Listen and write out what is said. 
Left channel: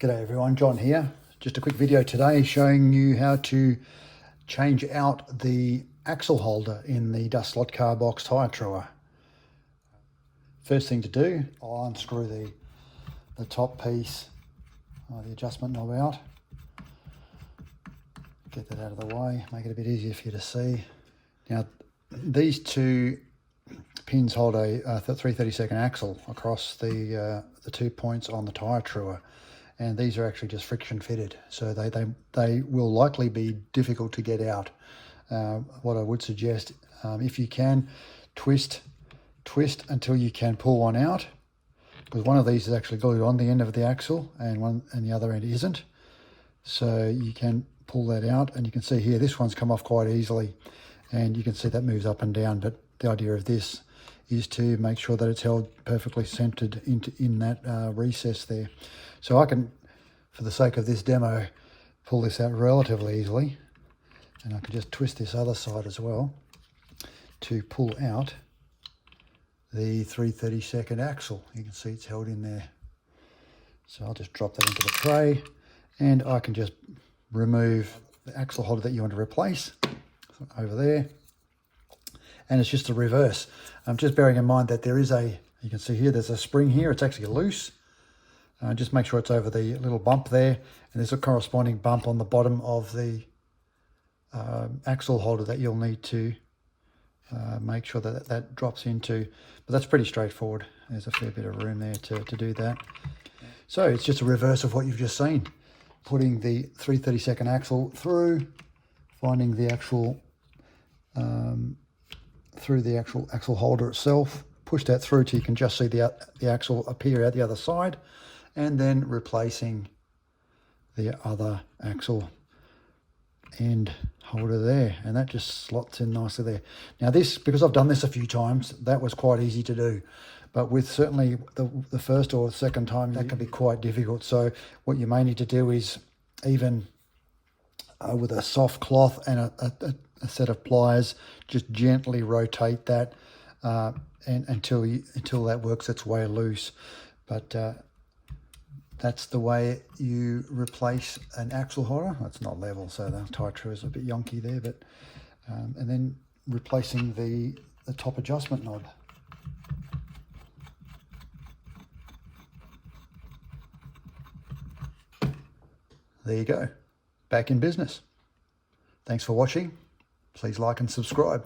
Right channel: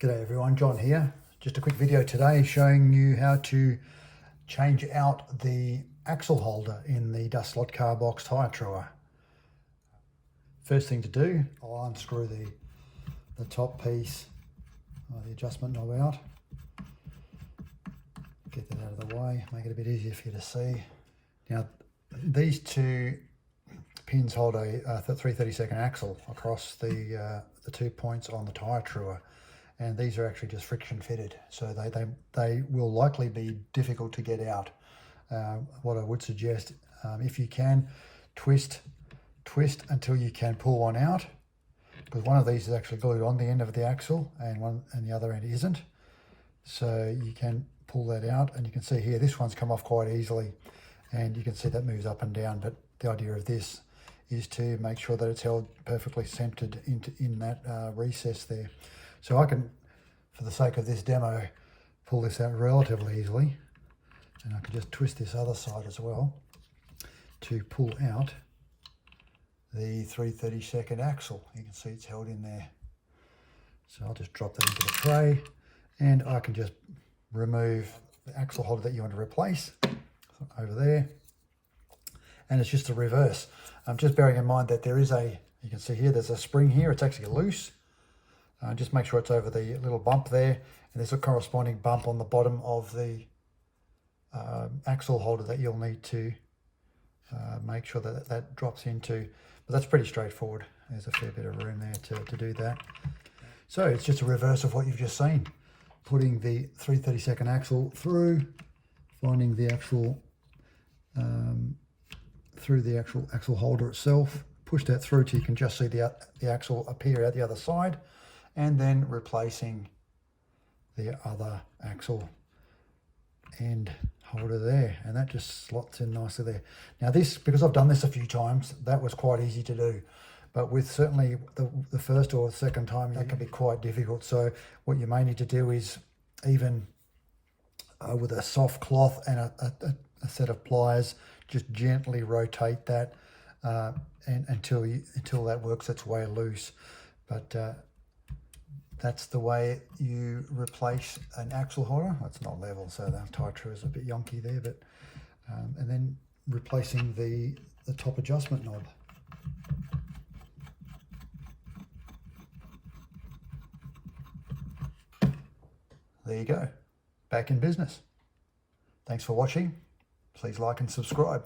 G'day everyone, John here. Just a quick video today showing you how to change out the axle holder in the dust slot car box tyre thrower. First thing to do, I'll unscrew the top piece, the adjustment knob out. Get that out of the way, make it a bit easier for you to see. Now these two pins hold a 3/32 axle across the 2 points on the tyre thrower. And these are actually just friction fitted, so they will likely be difficult to get out. What I would suggest, if you can, twist until you can pull one out, because one of these is actually glued on the end of the axle and the other end isn't. So you can pull that out, and you can see here this one's come off quite easily, and you can see that moves up and down. But the idea of this is to make sure that it's held perfectly centered in that recess there. So I can, for the sake of this demo, pull this out relatively easily, and I can just twist this other side as well to pull out the 3/32 axle. You can see it's held in there. So I'll just drop that into the tray, and I can just remove the axle holder that you want to replace over there. And it's just a reverse. Just bearing in mind that there is you can see here, there's a spring here, it's actually loose. Just make sure it's over the little bump there, and there's a corresponding bump on the bottom of the axle holder that you'll need to make sure that drops into. But that's pretty straightforward. There's a fair bit of room there to do that. So it's just a reverse of what you've just seen. Putting the 3/32 axle through, finding the actual through the actual axle holder itself, push that through till you can just see the axle appear out the other side, and then replacing the other axle end holder there, and that just slots in nicely there. Now this, because I've done this a few times, that was quite easy to do, but with certainly the first or the second time, that can be quite difficult. So what you may need to do is, even with a soft cloth and a set of pliers, just gently rotate that and until that works its way loose. But that's the way you replace an axle holder. It's not level, so the tyre thrower is a bit yonky there, but and then replacing the top adjustment knob. There you go, back in business. Thanks for watching. Please like and subscribe.